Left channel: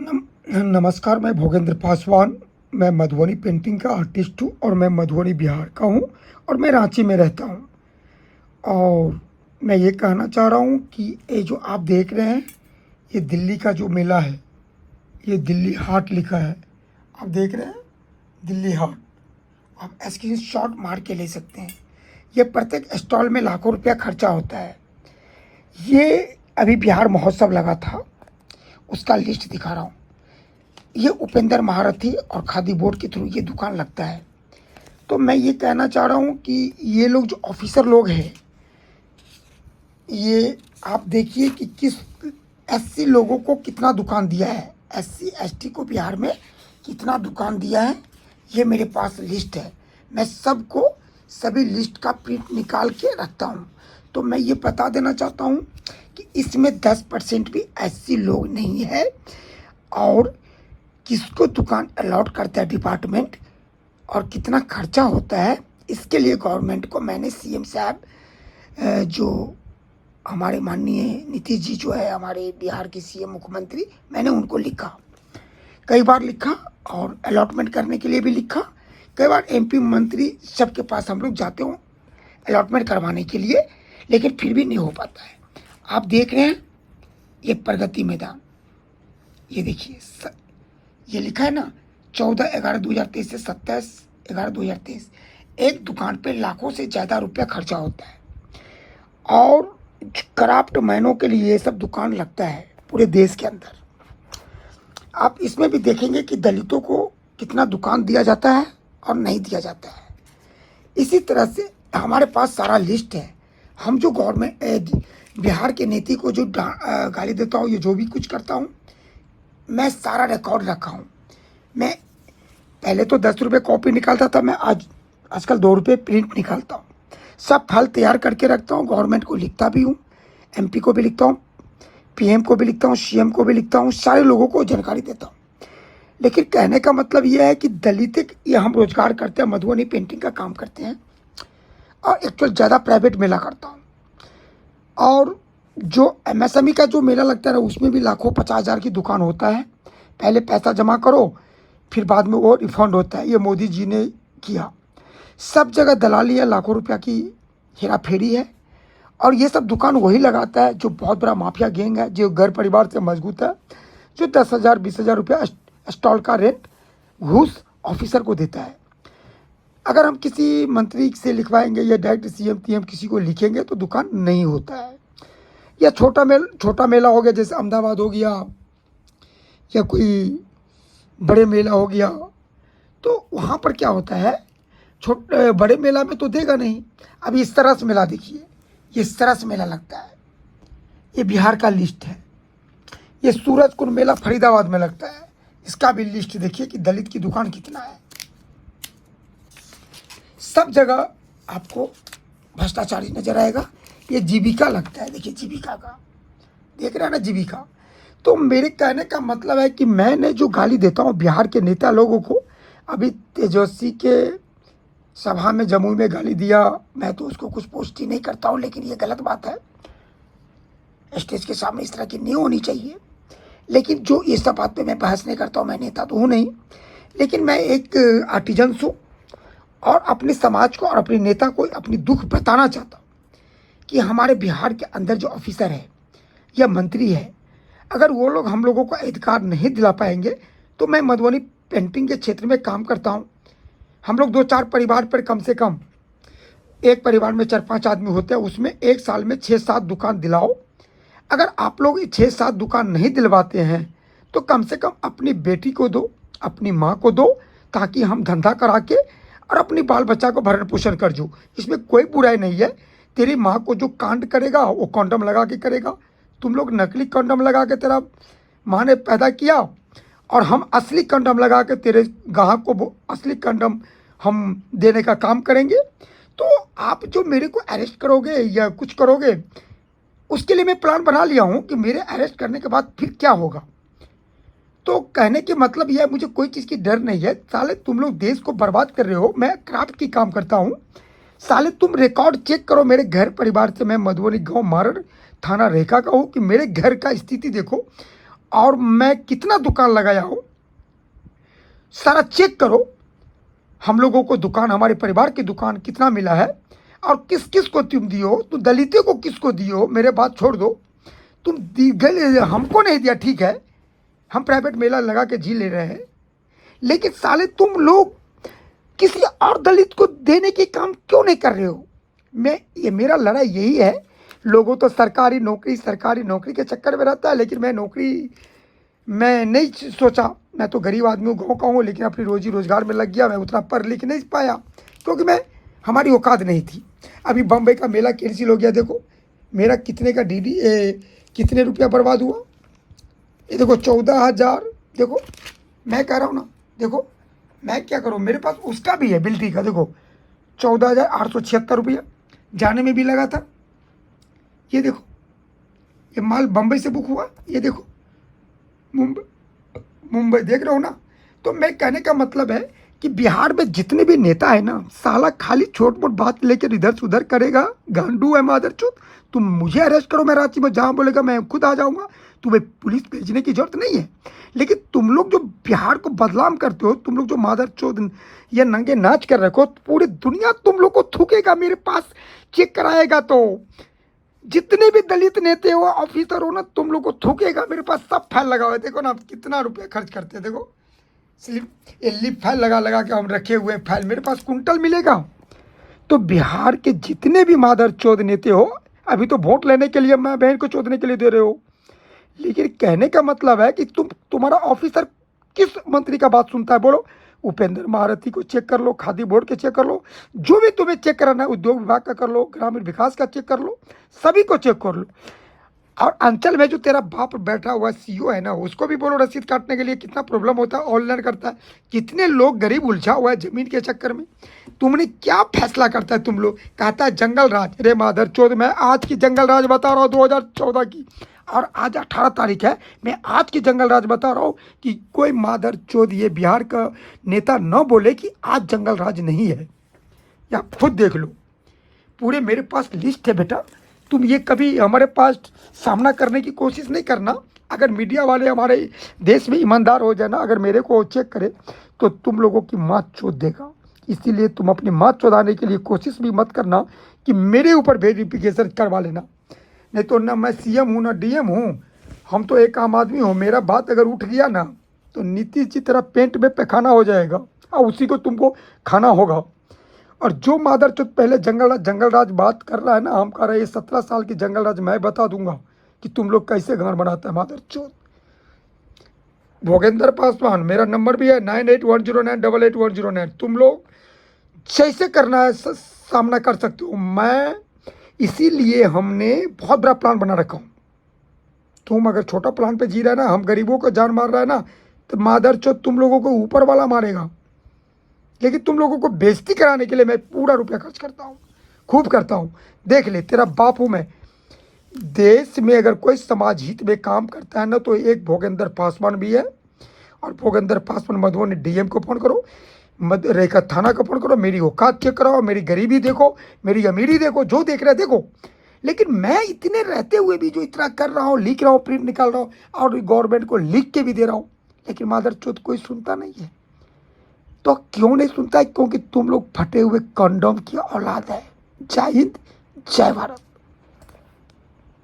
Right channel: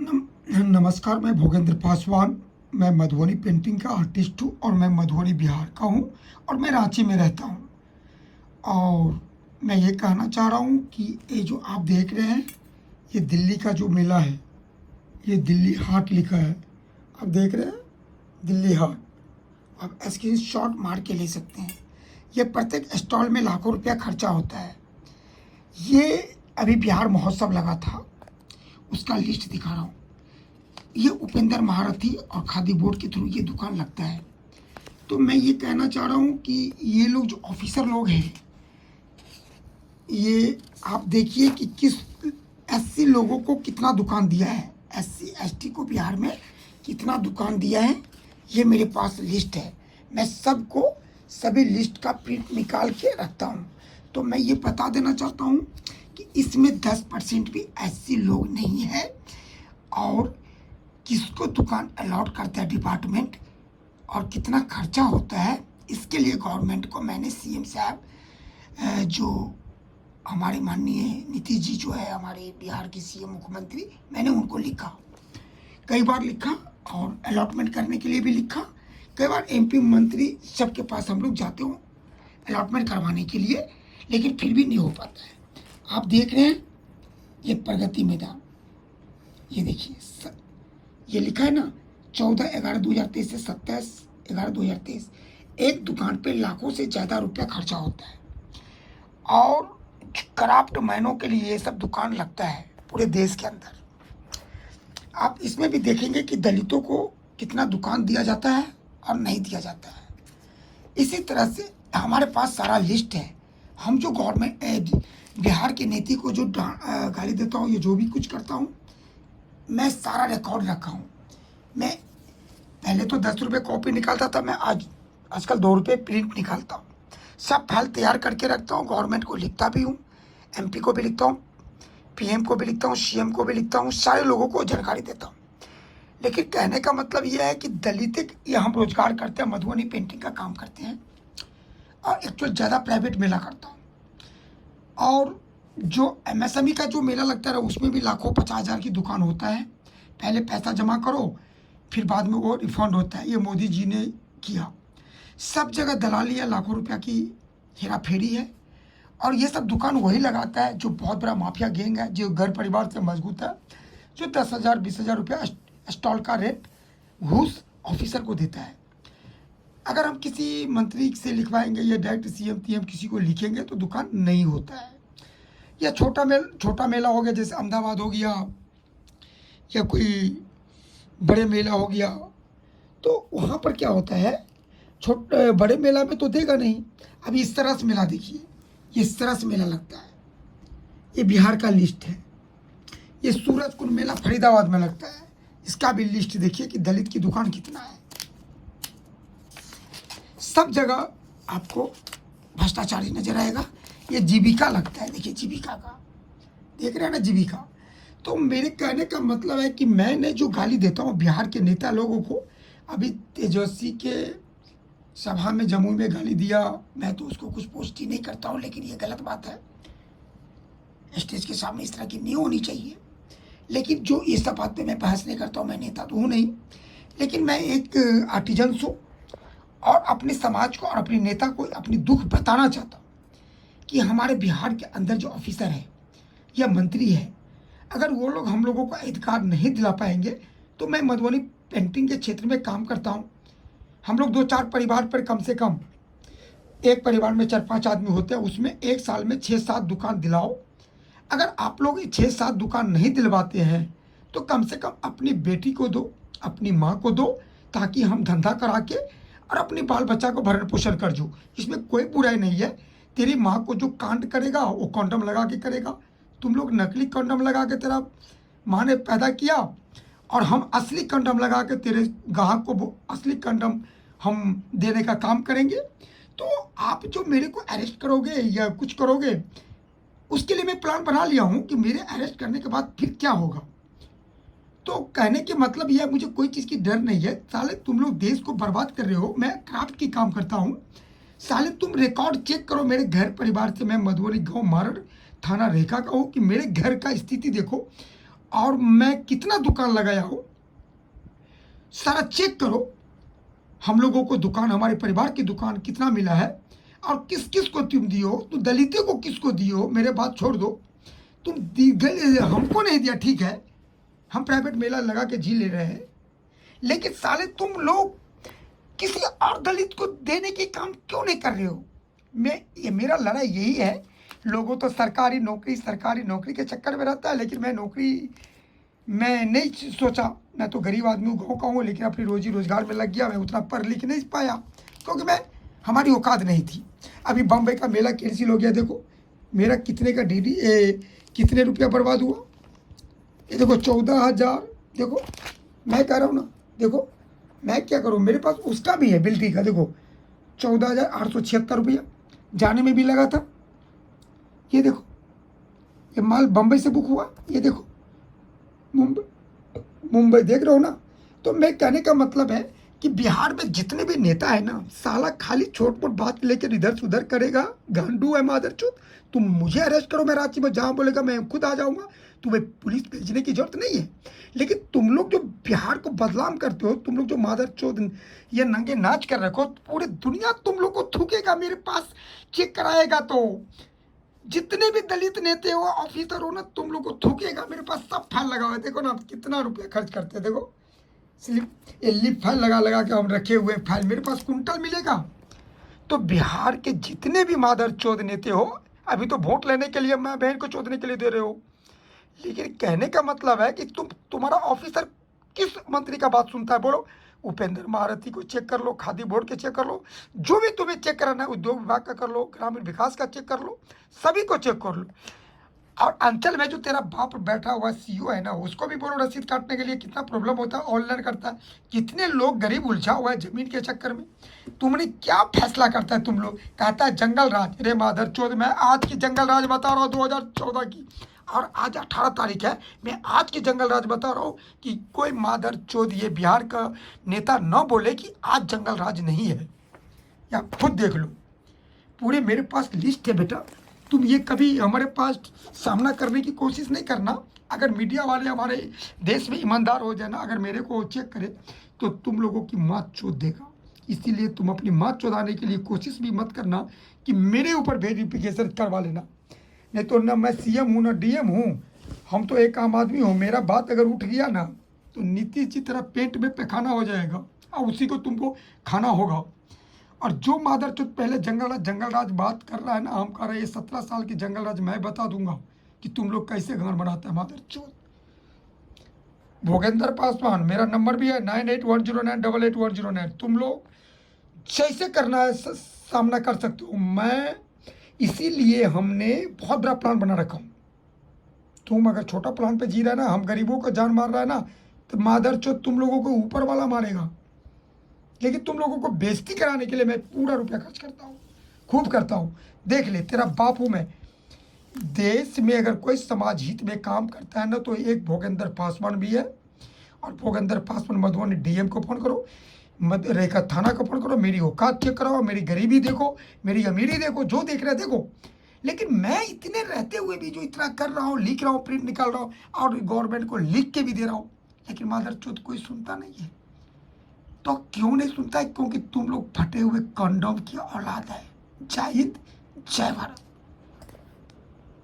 नमस्कार, मैं भोगेंद्र पासवान। मैं मधुबनी पेंटिंग का आर्टिस्ट हूँ और मैं मधुबनी बिहार का हूँ और मैं रांची में रहता हूँ। और मैं ये कहना चाह रहा हूँ कि ये जो आप देख रहे हैं, ये दिल्ली का जो मेला है, ये दिल्ली हाट लिखा है। आप देख रहे हैं दिल्ली हाट, आप स्क्रीन शॉट मार के ले सकते हैं। ये प्रत्येक स्टॉल में लाखों रुपया खर्चा होता है। ये अभी बिहार महोत्सव लगा था, उसका लिस्ट दिखा रहा हूँ। ये उपेंद्र महारथी और खादी बोर्ड के थ्रू ये दुकान लगता है। तो मैं ये कहना चाह रहा हूँ कि ये लोग जो ऑफिसर लोग हैं, ये आप देखिए कि किस एससी लोगों को कितना दुकान दिया है, एससी एसटी को बिहार में कितना दुकान दिया है। ये मेरे पास लिस्ट है। मैं सबको सभी लिस्ट का प्रिंट निकाल के रखता हूँ। तो मैं ये बता देना चाहता हूँ कि इसमें 10% भी एससी लोग नहीं है। और किसको दुकान अलॉट करता है डिपार्टमेंट और कितना खर्चा होता है, इसके लिए गवर्नमेंट को मैंने सीएम साहब जो हमारे माननीय नीतीश जी जो है हमारे बिहार के सीएम मुख्यमंत्री, मैंने उनको लिखा, कई बार लिखा और अलॉटमेंट करने के लिए भी लिखा। कई बार एमपी मंत्री सबके पास हम लोग जाते हो अलॉटमेंट करवाने के लिए, लेकिन फिर भी नहीं हो पाता है। आप देख रहे हैं ये प्रगति मैदान, ये देखिए ये लिखा है ना 14/11/2023 से 27/11/2023। एक दुकान पे लाखों से ज़्यादा रुपया खर्चा होता है। और क्राफ्ट मैनों के लिए ये सब दुकान लगता है पूरे देश के अंदर। आप इसमें भी देखेंगे कि दलितों को कितना दुकान दिया जाता है और नहीं दिया जाता है। इसी तरह से हमारे पास सारा लिस्ट है। हम जो गवर्नमेंट बिहार के नीति को जो गाली देता हूँ, ये जो भी कुछ करता हूँ, मैं सारा रिकॉर्ड रखा हूँ। मैं पहले तो 10 रुपये कॉपी निकालता था, मैं आजकल 2 रुपये प्रिंट निकालता हूँ। सब फल तैयार करके रखता हूँ, गवर्नमेंट को लिखता भी हूँ, एमपी को भी लिखता हूँ, पीएम को भी लिखता हूँ, सीएम को भी लिखता हूँ, सारे लोगों को जानकारी देता हूँ। लेकिन कहने का मतलब यह है कि दलित ये हम रोजगार करते हैं, मधुबनी पेंटिंग का काम करते हैं और एक्चुअल ज़्यादा प्राइवेट मेला करता हूँ। और जो एमएसएमई का जो मेला लगता है ना, उसमें भी लाखों 50,000 की दुकान होता है। पहले पैसा जमा करो, फिर बाद में वो रिफंड होता है। ये मोदी जी ने किया। सब जगह दलाली है, लाखों रुपया की हेरा फेरी है। और ये सब दुकान वही लगाता है जो बहुत बड़ा माफिया गैंग है, जो घर परिवार से मजबूत है, जो 10,000 20,000 रुपया स्टॉल का रेट घूस ऑफिसर को देता है। अगर हम किसी मंत्री से लिखवाएंगे या डायरेक्ट सीएम टीएम किसी को लिखेंगे तो दुकान नहीं होता है। या छोटा मेला हो गया, जैसे अहमदाबाद हो गया या कोई बड़े मेला हो गया, तो वहाँ पर क्या होता है, बड़े मेला में तो देगा नहीं। अब इस तरह से मेला देखिए, ये सरस मेला लगता है, ये बिहार का लिस्ट है। ये सूरजकुंड मेला फरीदाबाद में लगता है, इसका भी लिस्ट देखिए कि दलित की दुकान कितना है। सब जगह आपको भ्रष्टाचारी नजर आएगा। ये जीविका लगता है, देखिए जीविका का, देख रहे हैं ना जीविका। तो मेरे कहने का मतलब है कि मैंने जो गाली देता हूँ बिहार के नेता लोगों को, अभी तेजस्वी के सभा में जमुई में गाली दिया, मैं तो उसको कुछ पोस्ट ही नहीं करता हूँ, लेकिन ये गलत बात है। स्टेज के सामने इस तरह की नहीं होनी चाहिए। लेकिन जो ये सब बात पे मैं बहस नहीं करता हूँ, मैं नेता तो हूँ नहीं, लेकिन मैं एक आर्टिजन्स हूँ और अपने समाज को और अपने नेता को अपनी दुख बताना चाहता हूँ कि हमारे बिहार के अंदर जो ऑफिसर है या मंत्री है, अगर वो लोग हम लोगों को अधिकार नहीं दिला पाएंगे, तो मैं मधुबनी पेंटिंग के क्षेत्र में काम करता हूँ। हम लोग 2-4 परिवार पर कम से कम, एक परिवार में 4-5 आदमी होते हैं, उसमें एक साल में 6-7 दुकान दिलाओ। अगर आप लोग 6-7 दुकान नहीं दिलवाते हैं तो कम से कम अपनी बेटी को दो, अपनी माँ को दो, ताकि हम धंधा करा के और अपनी बाल बच्चा को भरण पोषण कर जो। इसमें कोई बुराई नहीं है। तेरी माँ को जो कांड करेगा वो कॉन्डम लगा के करेगा। तुम लोग नकली कंडम लगा के तेरा माँ ने पैदा किया और हम असली कंडम लगा के तेरे ग्राहक को असली कंडम हम देने का काम करेंगे। तो आप जो मेरे को अरेस्ट करोगे या कुछ करोगे, उसके लिए मैं प्लान बना लिया हूँ कि मेरे अरेस्ट करने के बाद फिर क्या होगा। तो कहने के मतलब यह है, मुझे कोई चीज़ की डर नहीं है। साले तुम लोग देश को बर्बाद कर रहे हो, मैं क्राफ्ट की काम करता हूँ। साले तुम रिकॉर्ड चेक करो मेरे घर परिवार से। मैं मधुबनी गांव मारड़ थाना रेखा का हूँ, कि मेरे घर का स्थिति देखो। और मैं कितना दुकान लगाया हूँ सारा चेक करो। हम लोगों को दुकान, हमारे परिवार की दुकान कितना मिला है और किस किस को तुम दियो, तो दलितों को किसको दियो, मेरे बात छोड़ दो। तुम हमको नहीं दिया, ठीक है, हम प्राइवेट मेला लगा के जी ले रहे हैं, लेकिन साले तुम लोग किसी और दलित को देने की काम क्यों नहीं कर रहे हो? मेरा लड़ाई यही है। लोगों तो सरकारी नौकरी के चक्कर में रहता है, लेकिन मैं नहीं सोचा। मैं तो गरीब आदमी हूँ, गाँव का हूँ, लेकिन अपनी रोजी रोजगार में लग गया। मैं उतना पढ़ लिख नहीं पाया क्योंकि हमारी औकात नहीं थी। अभी बम्बई का मेला कैंसिल हो गया, देखो मेरा कितने का कितने रुपया बर्बाद हुआ। ये देखो 14,000। देखो मैं कह रहा हूँ ना, देखो मैं क्या करूँ, मेरे पास उसका भी है बिल्टी का। देखो 14,876 रुपया जाने में भी लगा था। ये देखो ये माल बम्बई से बुक हुआ, ये देखो मुंबई देख रहे हो ना। तो मैं कहने का मतलब है कि बिहार में जितने भी नेता है ना, साला खाली छोट मोट बात लेकर इधर से उधर करेगा। गांडू है मादरचोद। तुम मुझे अरेस्ट करो, मैं रांची में जहाँ बोलेगा मैं खुद आ जाऊँगा, तुम्हें पुलिस भेजने की जरूरत नहीं है। लेकिन तुम लोग जो बिहार को बदनाम करते हो, तुम लोग जो मादरचोद ये नंगे नाच कर रखो, पूरी दुनिया तुम लोग को थूकेगा, मेरे पास चेक कराएगा। तो जितने भी दलित नेता हो, ऑफिसर हो ना, तुम लोग को थूकेगा। मेरे पास सब फाइल लगा हुआ है, देखो ना कितना रुपये खर्च करते हैं। देखो लिप फाइल लगा के हम रखे हुए फाइल, मेरे पास कुंटल मिलेगा। तो बिहार के जितने भी मादरचोद नेता हो, अभी तो वोट लेने के लिए मैं बहन को चोदने के लिए दे रहे हो, लेकिन कहने का मतलब है कि तुम्हारा ऑफिसर किस मंत्री का बात सुनता है? बोलो, उपेंद्र महारथी को चेक कर लो, खादी बोर्ड के चेक कर लो, जो भी तुम्हें चेक कराना है, उद्योग विभाग का कर लो, ग्रामीण विकास का चेक कर लो, सभी को चेक कर लो। और अंचल में जो तेरा बाप बैठा हुआ सीईओ है ना, उसको भी बोलो रसीद काटने के लिए। कितना प्रॉब्लम होता है, ऑनलाइन करता है। कितने लोग गरीब उलझा हुआ है जमीन के चक्कर में। तुमने क्या फैसला करता है तुम लोग? कहता है जंगल राज। अरे मादरचोद, मैं आज की जंगल राज बता रहा हूँ 2014 की, और आज 18 तारीख है। मैं आज की जंगल राज बता रहा हूँ कि कोई मादरचोद ये बिहार का नेता न बोले कि आज जंगल राज नहीं है। या खुद देख लो, पूरे मेरे पास लिस्ट है बेटा। तुम ये कभी हमारे पास सामना करने की कोशिश नहीं करना। अगर मीडिया वाले हमारे देश में ईमानदार हो जाए ना, अगर मेरे को चेक करे, तो तुम लोगों की मात चोद देगा। इसीलिए तुम अपनी मात चोदाने के लिए कोशिश भी मत करना कि मेरे ऊपर वेरिफिकेशन करवा लेना। नहीं तो ना मैं सीएम हूँ ना डीएम हूँ, हम तो एक आम आदमी हूँ। मेरा बात अगर उठ गया ना, तो नीतीश जी तरह पेंट में पैखाना हो जाएगा और उसी को तुमको खाना होगा। और जो मादरचोद पहले जंगल राज बात कर रहा है ना, हम कह रहे हैं 17 साल की जंगल राज मैं बता दूंगा कि तुम लोग कैसे गांड बनाते हैं मादरचोद। भोगेंद्र पासवान, मेरा नंबर भी है 9810988109। तुम लोग जैसे करना है सामना कर सकते हो। मैं इसीलिए हमने बहुत बड़ा प्लान बना रखा हूँ। तुम अगर छोटा प्लान पे जी रहे ना, हम गरीबों का जान मार रहा है ना, तो मादरचोद तुम लोगों को ऊपर वाला मारेगा। लेकिन तुम लोगों को बेइज्जती कराने के लिए मैं पूरा रुपया खर्च करता हूँ, खूब करता हूँ। देख ले, तेरा बाप हूँ मैं। देश में अगर कोई समाज हित में काम करता है ना, तो एक भोगेंद्र पासवान भी है। और भोगेंद्र पासवान मधुबनी डीएम को फोन करो, रेखा थाना को फोन करो, मेरी औकात चेक कराओ, मेरी गरीबी देखो, मेरी अमीरी देखो, जो देख रहे देखो। लेकिन मैं इतने रहते हुए भी जो इतना कर रहा हूँ, लिख रहा हूँ, प्रिंट निकाल रहा हूँ, और गवर्नमेंट को लिख के भी दे रहा हूँ, लेकिन मादरचोद कोई सुनता नहीं है। तो क्यों नहीं सुनता है? क्योंकि तुम लोग फटे हुए कंडोम की औलाद है। जय हिंद, जय भारत।